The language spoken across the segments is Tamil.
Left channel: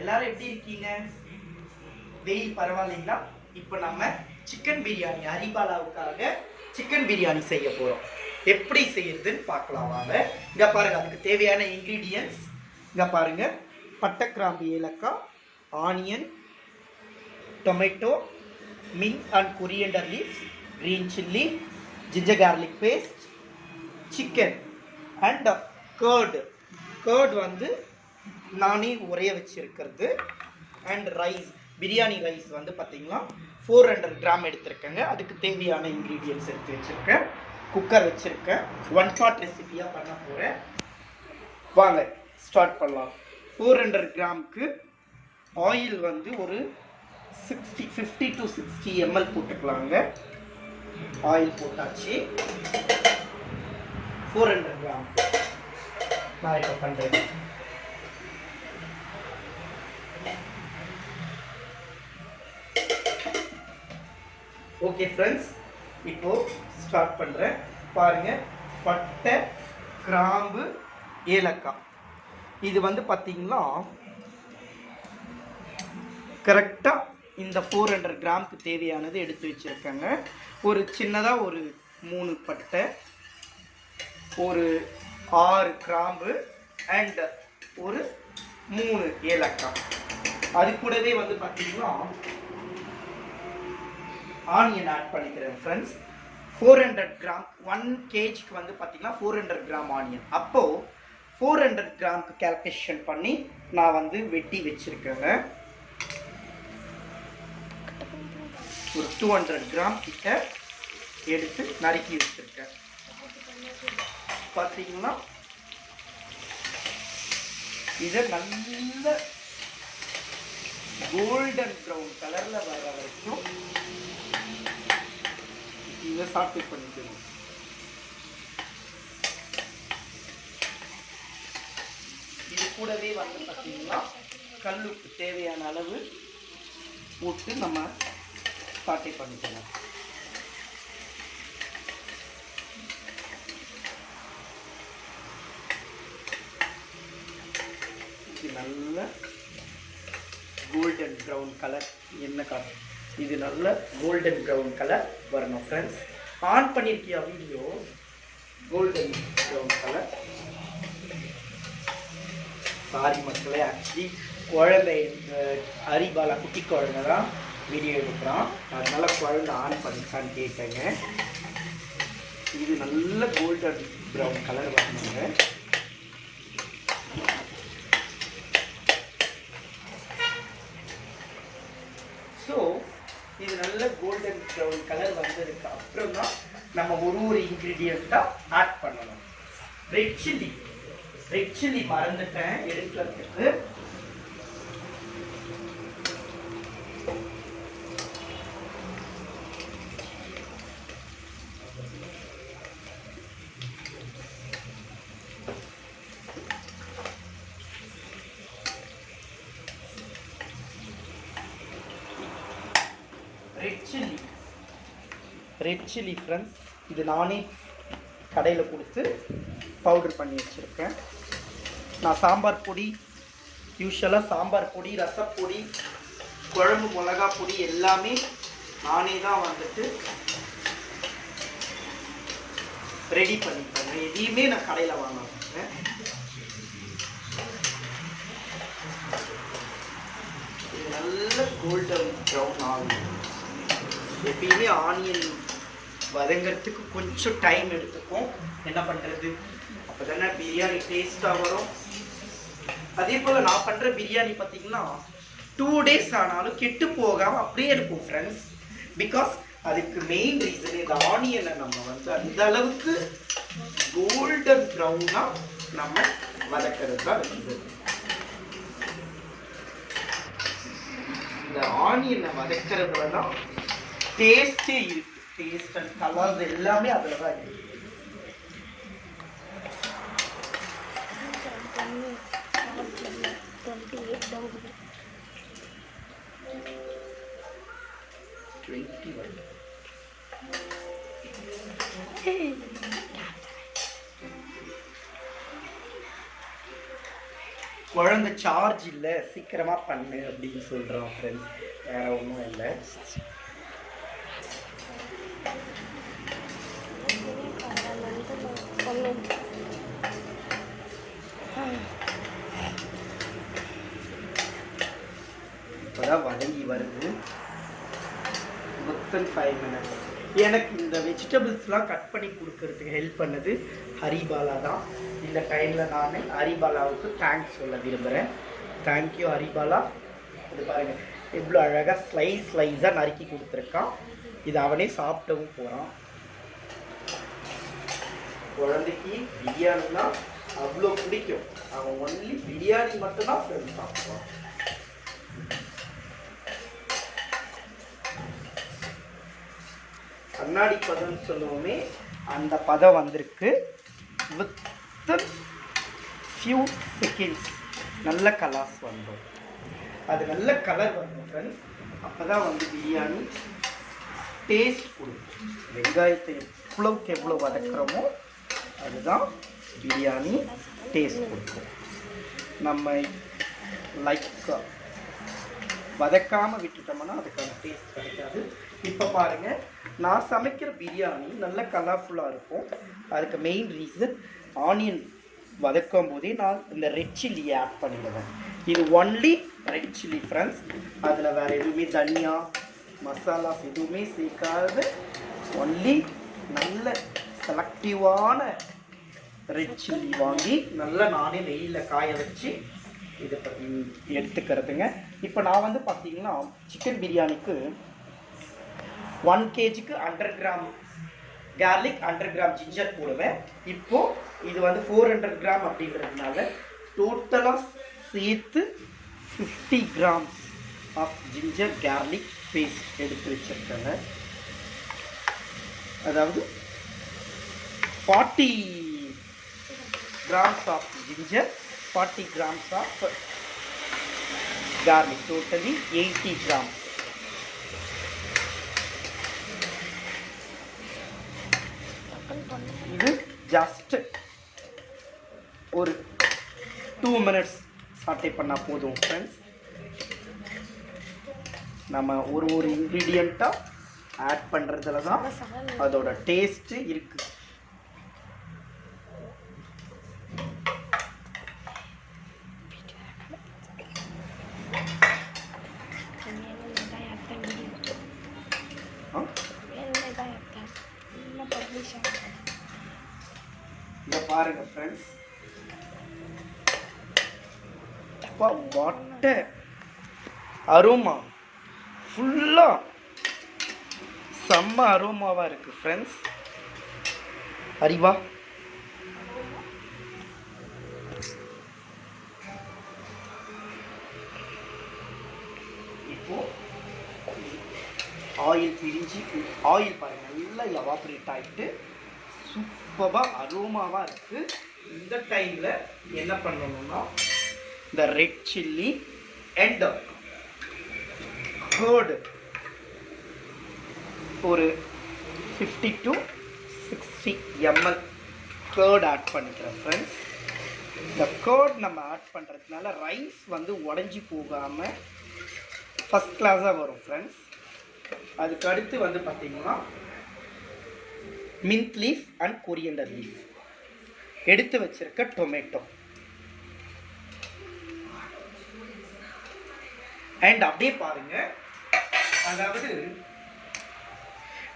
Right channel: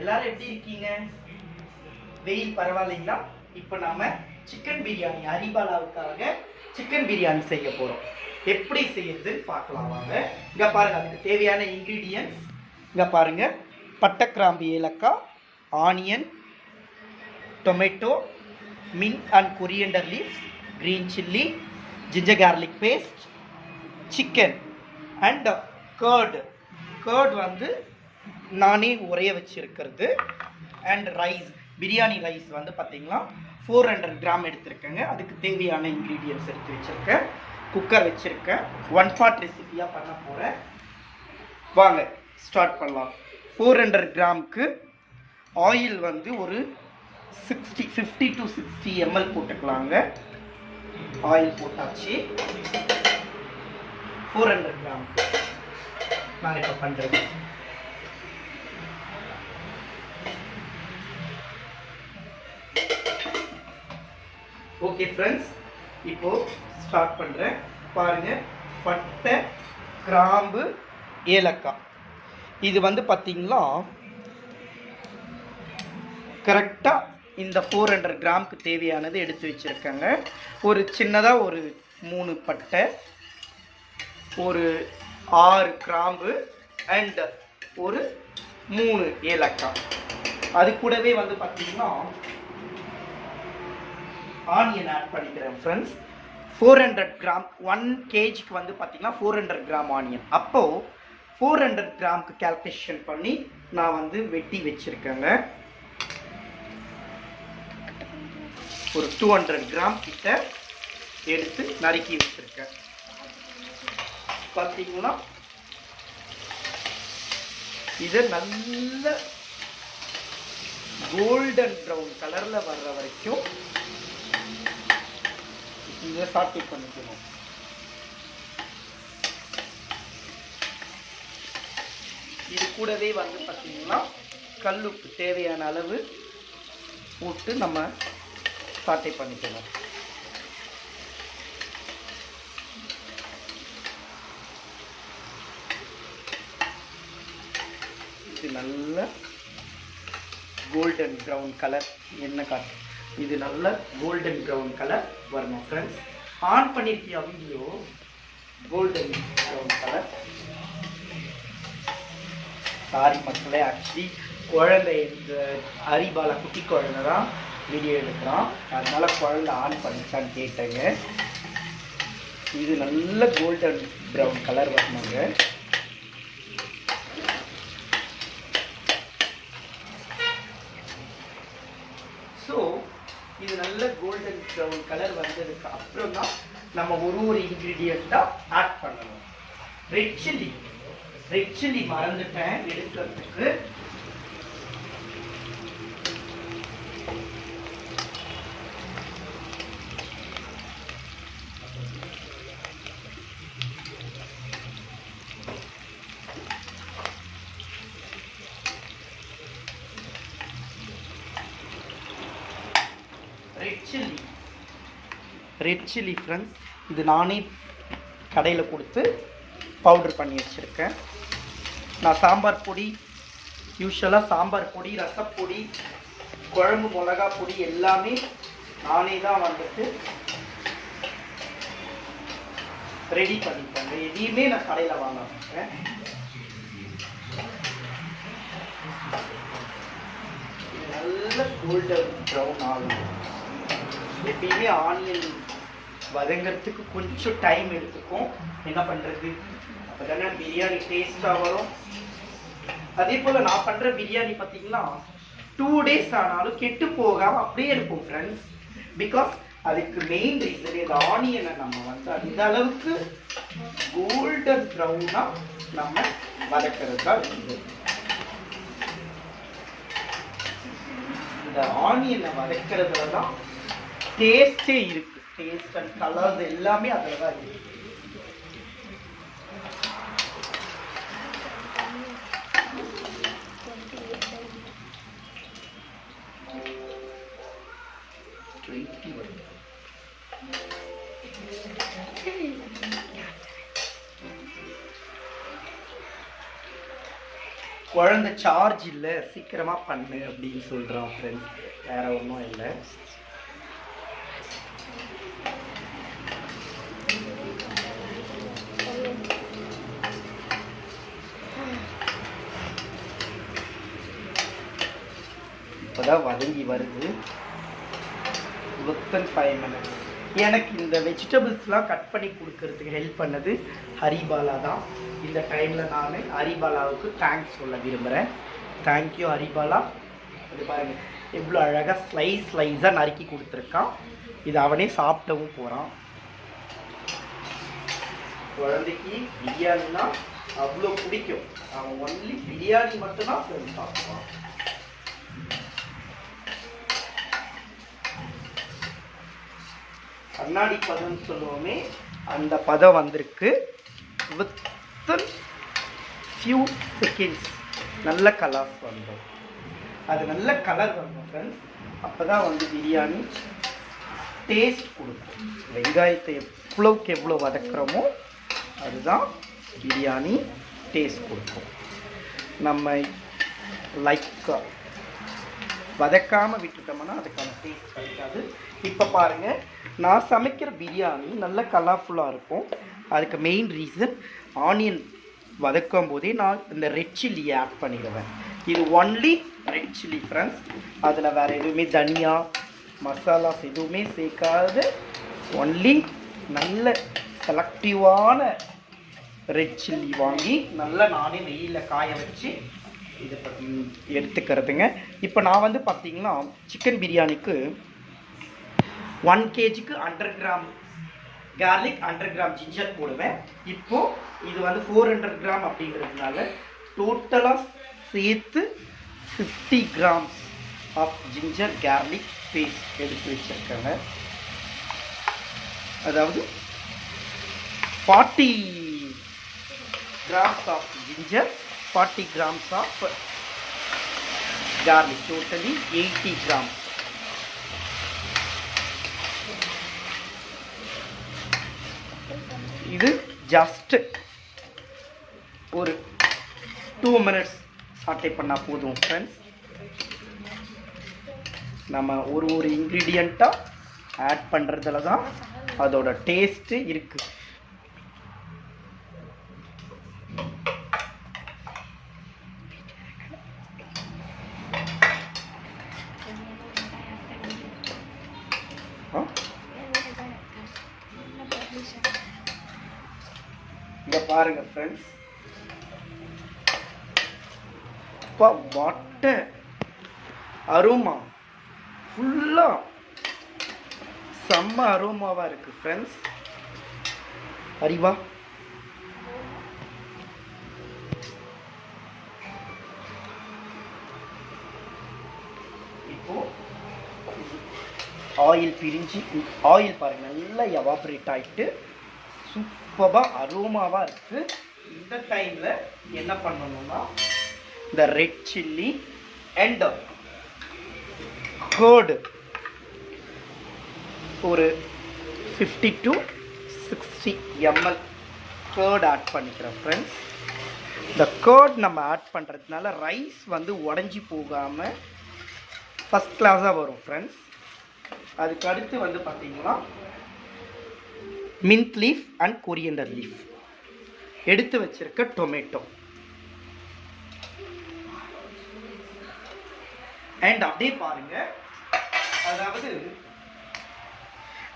எல்லாரும் எப்படி இருக்கீங்க? வெயில் பரவாயில்லைங்களா? இப்போ நம்ம சிக்கன் பிரியாணி ஹரிபாலாவுக்காக சிக்கன் பிரியாணி செய்ய போகிறோம். எப்படி செய்யறதுன்னு பார்க்கலாம் வாங்க. இங்கே பாருங்கள், அதுக்கு தேவையான இன்க்ரீடியன்ட்ஸ் இங்கே பாருங்கள். பட்டை, கிராம்பு, ஏலக்காய், onion, tomato, mint and coriander leaves, green chilli, ginger garlic paste, chicken and curd வந்து நானே உரைய வச்சுருக்கிறது. அண்ட் ரைஸ், பிரியாணி ரைஸ் வந்து பார்த்திங்கன்னா 400 கிராம் எடுத்துருக்கேங்க. அதுக்கு தேவையான இன்க்ரீடியன்ட்ஸ் எடுத்து வச்சுருக்கேன். குக்கர் வச்சுருக்கேன். 1 pot ரெசிபியாக பண்ண போகிறேன். வாங்க ஸ்டார்ட் பண்ணலாம். 400 கிராமுக்கு ஆயில் வந்து ஒரு 50 to 60 ml போட்டுக்கலாங்க. ஆயில் போட்டாச்சு. 400 கிராமுக்கு நான் இப்போ பண்ணுறேன். ஓகே ஃப்ரெண்ட்ஸ், இப்போ ஸ்டார்ட் பண்ணுறேன். பாருங்கள், பட்டை, கிராம்பு, ஏலக்காய், இது வந்து பார்த்திங்கன்னா கரெக்டாக இந்த 400 கிராமுக்கு தேவையானது எடுத்து வச்சுருக்கேங்க. ஒரு சின்னதாக ஒரு 3 பட்டை, ஒரு 6 கிராம்பு அண்ட் ஒரு 3 ஏலக்காய். அது கூடவே வந்து பார்த்திங்கன்னா ஆனியன் ஆட் பண்ணிக்கிறேன் ஃப்ரெண்ட்ஸ். 400 கிராம் 1 kgக்கு வந்து பார்த்திங்கன்னா 400 கிராம் ஆனியன். அப்போது 400 கிராமுக்கு கால்குலேஷன் பண்ணி நான் வந்து வெட்டி வச்சுருக்கேங்க. ஒரு 200 கிராம் கிட்ட எடுத்து நறுக்கி வச்சுருக்கேன். பார்த்தீங்கன்னா இதை நல்ல கோல்டன் ப்ரௌன் கலரில் வர்ற வரைக்கும் இதை சாட்டே பண்ணிக்கணும். இது கூடவே வந்து பார்த்தீங்கன்னா கல்லுப்பு தேவையான அளவு போட்டு நம்ம சாட்டே பண்ணிக்கணும். இது நல்ல கோல்டன் ப்ரௌன் கலர், என்ன கலர்? இது நல்ல கோல்டன் ப்ரௌன் கலர் வரணும் ஃப்ரெண்ட்ஸ். ஆன் பண்ணியிருக்கியா வீடியோ? Golden brown colour. சாரி மக்களே, ஆக்சுவலி குழந்தை, இந்த ஹரிபாலா குட்டி குழந்தை தான் வீடியோ எடுக்கிறான், அதனால் குழந்தை ஆன் பண்ணிச்சான்னு கேட்டேங்க. இது நல்ல கோல்டன் ப்ரௌன் கலர் வரணுங்க. ஸோ இது நல்ல கோல்டன் ப்ரௌன் கலர் வந்ததுக்கு அப்புறம் தான் நம்ம ஒரு இன்க்ரீடியண்ட்டாக ஆட் பண்ணணும். ரெட் சில்லி மறந்துட்டேன் எடுக்கிறதுக்கு. ரெட் சில்லி ஃப்ரெண்ட்ஸ், இது நானே கடையில் கொடுத்து பவுடர் பண்ணி வச்சுருக்கேன். நான் சாம்பார் பொடி, யூஸ்வலாக சாம்பார் பொடி, ரசப்பொடி, குழம்பு மிளகா பொடி எல்லாமே நானே தான் வந்துட்டு ரெடி பண்ணிப்பேன். எதையுமே நான் கடையில் வாங்க மாட்டேன். நல்ல கோல்டன் ப்ரௌன் ஆகும். எப்பயுமே ஆனியன் வதங்கிறதுக்கு கொஞ்சம் டைம் எடுத்துக்கும். என்ன பண்ணுறது, அப்போ தானே பிரியாணி டேஸ்ட்டாக வரும். அதே போல் நான் பண்ணுற பிரியாணி பார்த்திங்கன்னா 2 days ஆனாலும் கெட்டு போகாமல் அப்படியே இருக்கும் ஃப்ரெண்ட்ஸ். பிகாஸ் அதுக்கு மெயின் ரீசன் இந்த ஆனியனை நம்ம வந்து அந்த அளவுக்கு கோல்டன் ப்ரௌனாக நம்ம வதக்கிறது தான் இருக்குது. இந்த ஆனியனை வதக்கிறதுல தான் டேஸ்டே இருக்குது. டேஸ்ட் அண்ட் கலர்ஸ் எல்லாமே அதில் தான் இருக்குது. குழந்தை சார்ஜ் இல்லை, சீக்கிரமாக பண்ணு அப்படின்னு சொல்கிறான் ஃப்ரெண்ட்ஸ். வேறு ஒன்றும் இல்லை. இப்போதான் வதங்கி வருது. Within 5 minutes. எனக்கு இந்த வெஜிடபிள்ஸ்லாம் கட் பண்ணி கொடுக்கறதுக்கு ஹெல்ப் பண்ணது ஹரிபாலா தான். இந்த டைமில் நான் ஹரிபாலாவுக்கு தேங்க்ஸ் சொல்ல விரும்புகிறேன். தேங்க்யூ ஹரிபாலா. இது பாருங்கள் எவ்வளோ அழகாக ஸ்லைஸாக நறுக்கி கொடுத்துருக்கான். இது அவனே சாப்பிட்டவும் போகிறான். குழந்தைக்கு பிரியாணினா அவ்வளோ பிடிக்கும். அவன் ஒன்லி பிரியாணி மட்டும்தான் சாப்பிடுவான். கண்ணாடி பதம்னு சொல்லுவோமே, அந்த பதம் வந்திருக்கு. வித்தின் ஃபியூ செகண்ட்ஸ் நல்ல கலர்ஸ் வந்தோம். அது நல்ல கலர் வந்தோம் ஃப்ரெண்ட்ஸ். அப்போ தான் வந்து பிரியாணி டேஸ்ட் கொடுக்கும். வெங்காயத்தை எவ்வளோ வதக்குறோமோ அதுதான் பிரியாணி டேஸ்ட் கொடுக்கும். நம்ம லைக் வதக்காமல் விட்டுட்டோம்னா அதுக்கான டேஸ்ட் கிடைக்காது. இப்போ பாருங்கள், நான் சமைக்கிற பிரியாணி நல்ல கலர்ஃபுல்லாக இருக்கும். அதுக்கு மெயின் ரீசன் ஆனியன் வதக்கும் போதே நான் இந்த ரெட் சில்லியை ஆட் பண்ணிடுவேன். இது ஒன்லி ரெட் சில்லி ஃப்ரெண்ட்ஸ். அதில் வேறு எதுவுமே தனியா மசாலாஸ் எதுவுமே சேர்க்காது. ஒன்லி நல்ல செலக்டிவான ரெட் சில்லி வாங்கி நல்லா நானே வெயிலில் காய வச்சு இதை எடுத்துக்கிறதுங்க. இப்போ நான் வந்து பார்த்தீங்கன்னா சிக்கன் பிரியாணிக்கு 1 kgக்கு 100 கிராம் கார்லிக், 100 கிராம் ஜிஞ்சர் போடுவேன். இப்போது இது வந்து 400 கிராம் அப்படிங்கிறதுனால டோட்டலாக சேர்த்து 50 grams of ginger garlic paste எடுத்து வச்சுருக்காங்க. அதாவது 40 grams of ginger, 40 grams of garlic, totally 80 grams. இது ஜஸ்ட் ஒரு 2 minutes சாட்டே பண்ணால் போதும் ஃப்ரெண்ட்ஸ். நம்ம ஒரு இன்க்ரீடியண்ட்டாக ஆட் பண்ணுறதுல தான் அதோட டேஸ்ட்டு இருக்குது. இங்க பாருங்க ஃப்ரெண்ட்ஸ், அப்பா வாட்ட அரோமா, ஃபுல்லாக செம்ம அரோமாவாக இருக்குது ஃப்ரெண்ட்ஸ். அறிவா இப்போ ஆயில் பிரிஞ்சு, ஆயில் பாருங்க நல்லா எவாப்ரேட் ஆகிட்டு சூப்பராக அரோமாவாக இருக்குது. இந்த டைமில் என்ன பண்ணணும்னா இந்த ரெட் சில்லி அண்ட் கர்டு ஒரு 50 to 60 ml கர்ட் ஆட் பண்ணிக்கிறோம் ஃப்ரெண்ட்ஸ். இந்த கர்ட் நம்ம ஆட் பண்ணுறதுனால ரைஸ் வந்து உடஞ்சி போகாமல் ஃபஸ்ட் கிளாஸாக வரும் ஃப்ரெண்ட்ஸ். அதுக்கு அடுத்து வந்து பார்த்திங்கன்னா mint leaf and coriander leaf, எடுத்து வச்சிருக்க டொமேட்டோ அண்ட் அப்படியே பாருங்க. அதாவது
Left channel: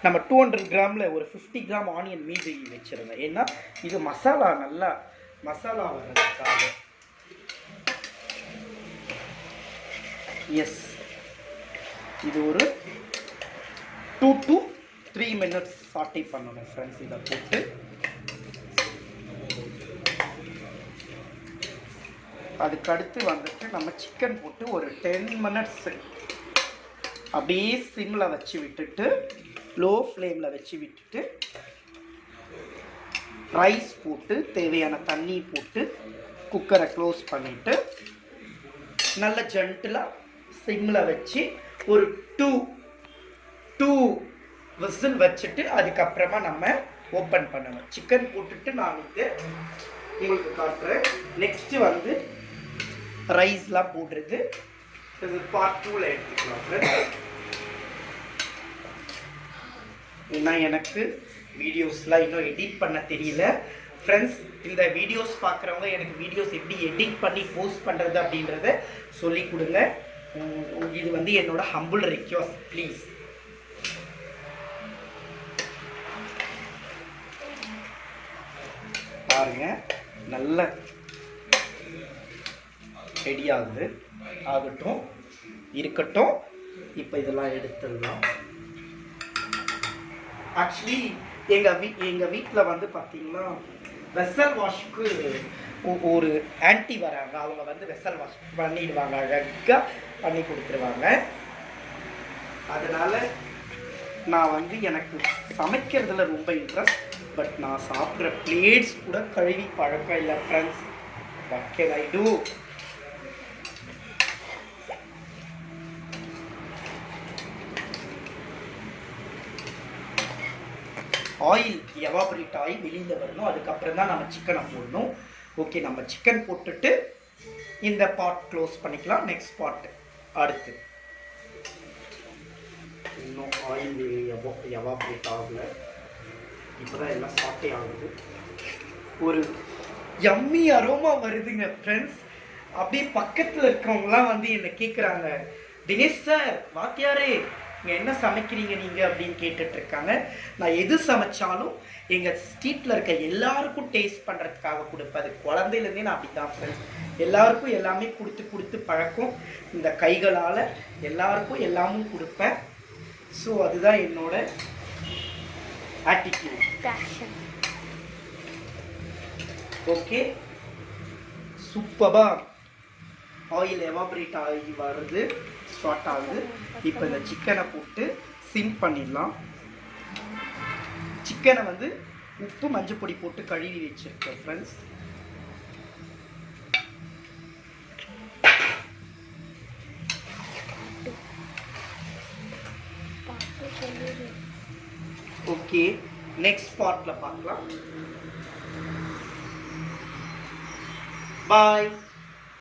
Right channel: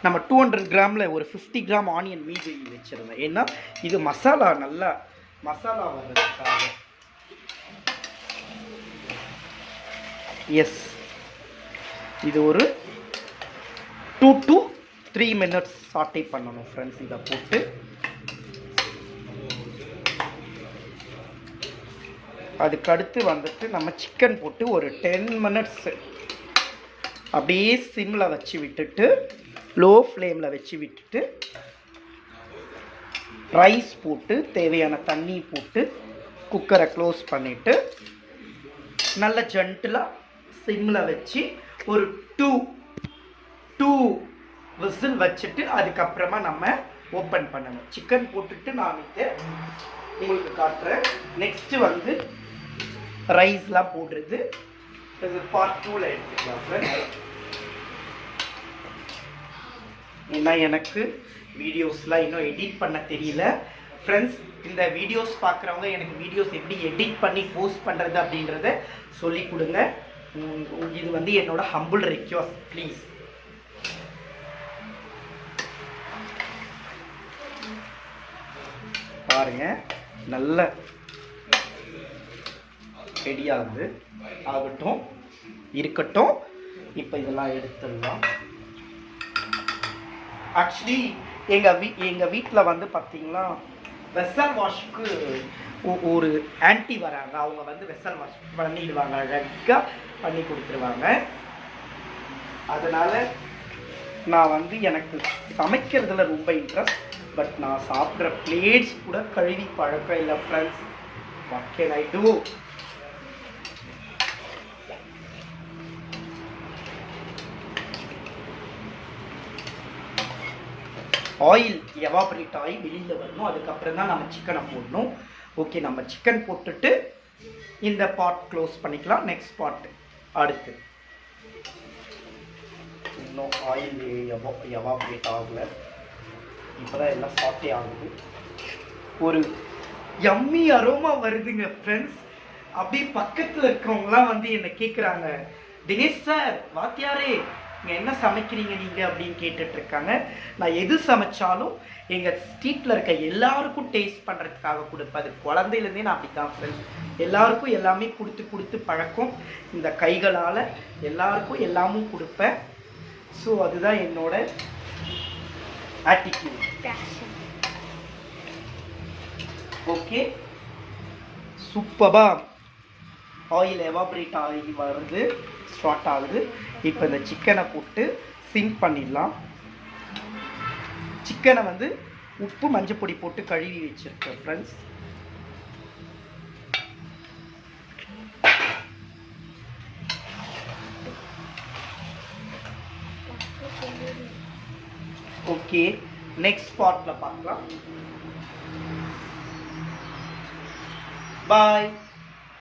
நம்ம 200 கிராமில் ஒரு 50 கிராம் ஆனியன் மீதி வச்சிருந்தேன். ஏன்னா இது மசாலா நல்லா மசாலா வர்றதுக்காக. எஸ், இது ஒரு 2 to 3 minutes சாட்டே பண்ணணும் ஃப்ரெண்ட்ஸ். இதை போட்டு அதுக்கடுத்து வந்துட்டு நம்ம சிக்கன் போட்டு ஒரு 10 minutes அப்படியே சிம்மில் வச்சு விட்டுட்டு, லோ ஃப்ளேமில் வச்சு விட்டுட்டு, ரைஸ் போட்டு தேவையான தண்ணி போட்டு குக்கரை க்ளோஸ் பண்ணிவிட்டு நல்ல ஜென்டிலாக சிம்மில் வச்சு ஒரு 2 விசில் வச்சுட்டு அதுக்கப்புறமா நம்ம ஓப்பன் பண்ணணும். சிக்கன் போட்டுட்டு நான் உங்களுக்கு காட்டுறேன். நெக்ஸ்ட்டு வந்து ரைஸ்லாம் போடுறது. இது பார்ட் 2ல எடுத்துக்கலாம் ஃப்ரெண்ட்ஸ். ஏன்னா எனக்கு வீடியோஸ்லாம் இன்னும் எடிட் பண்ண தெரியல ஃப்ரெண்ட்ஸ். இந்த வீடியோஸ் பார்க்குறவங்க எனக்கு வீடியோஸ் எப்படி எடிட் பண்ணி போஸ்ட் பண்ணுறது அப்படின்றத சொல்லி கொடுங்க. இது வந்து என்னோட ஹம்பிள் ரிக்வெஸ்ட் ப்ளீஸ். பாருங்க நல்ல ரெடி ஆகுது. ஆகட்டும் இருக்கட்டும். இப்போ இதெல்லாம் எடுத்துடலாம். ஆக்சுவலி எங்கள் வீட்டில் வந்து பார்த்தீங்கன்னா வெசல் வாஷ்க்கு ஒரு ஆன்ட்டி வராங்க. அவங்க வந்து வெசல் வாஷ் பண்ணிடுவாங்க, அழகாக பண்ணி கொடுத்துருவாங்க. அதனால் நான் வந்து எனக்கு சமைக்கிறதுல ரொம்ப இன்ட்ரெஸ்ட். பட் நான் சாப்பிட்ற பிளேட்ஸ் கூட கழுவி பழக்கம் இல்லை friends. What can I do? Oil evaporate ஆகி வெளியில் வரணும். அதுக்கப்புறம் தான் நம்ம சிக்கனை போடணும். ஓகே, நம்ம சிக்கன் போட்டுட்டு இந்த பார்ட் க்ளோஸ் பண்ணிக்கலாம். நெக்ஸ்ட் பார்ட் அடுத்து. இன்னும் ஆயில் எவாபரேட் ஆகலை. இப்போ தான் எல்லாம் சாப்பிட்டே ஆகுது. ஒரு யம்மி அரோமா வருதுங்க ஃப்ரெண்ட்ஸ். அப்படியே பக்கத்தில் இருக்கிறவங்களாம் வந்து என்னை கேட்குறாங்க, தினேஷ் சார் வாத்தியாரே நீங்கள் என்ன சமைக்கிறீங்க நீங்கள் அப்படின்னு கேட்டுட்ருக்காங்க. நான் எது சமைச்சாலும் எங்கள் ஸ்ட்ரீட்டில் இருக்க எல்லாருக்கும் டேஸ்ட் பண்ணுறதுக்காக கொடுப்பேன். அது குழந்தையிலேருந்தே நான் அப்படி தான் ஃப்ரெண்ட்ஸ். எல்லாருக்கும் எல்லாமே கொடுத்து பழக்கம். இந்த கைகளால் எல்லாருக்கும் எல்லாமும் கொடுப்பேன். ஸோ அதுதான் என்னோட ஆட்டிடியூட். ஓகே, சூப்பராக ஆயில் எவாபரேட் ஆகி வருது, ஸ்டார்ட் ஆகுது. இப்போ இந்த சிக்கனை போட்டு சிங்க் பண்ணிடலாம். சிக்கனை வந்து உப்பு மஞ்சள் பொடி போட்டு கழுவி வச்சுருக்கேன் ஃப்ரெண்ட்ஸ். ஓகே, நெக்ஸ்ட் பார்ட்ல பார்க்கலாம். பாய்.